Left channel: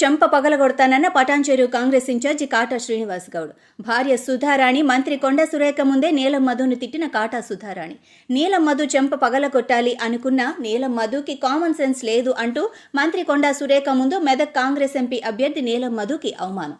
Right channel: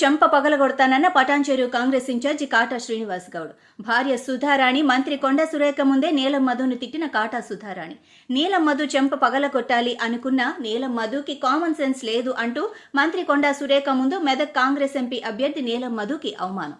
చెంప పగలగొడతానన్న పటాన్చెరు కాంగ్రెస్ ఇన్ఛార్జి కాటా శ్రీనివాస్ గౌడ్. భార్య సుధారాణి మంత్రి కొండ సురేఖ ముందే నీలం మధును తిట్టిన కాటా సుధారాణి. నీలం మధు చెంప పగలగొట్టాలి అనుకున్న నీలం మధుకి కామన్ సెన్స్ లేదు అంటూ మంత్రి కొండ సురేఖ ముందు మెదక్ కాంగ్రెస్ ఎంపీ అభ్యర్థి నీలం మధుకి అవమానం.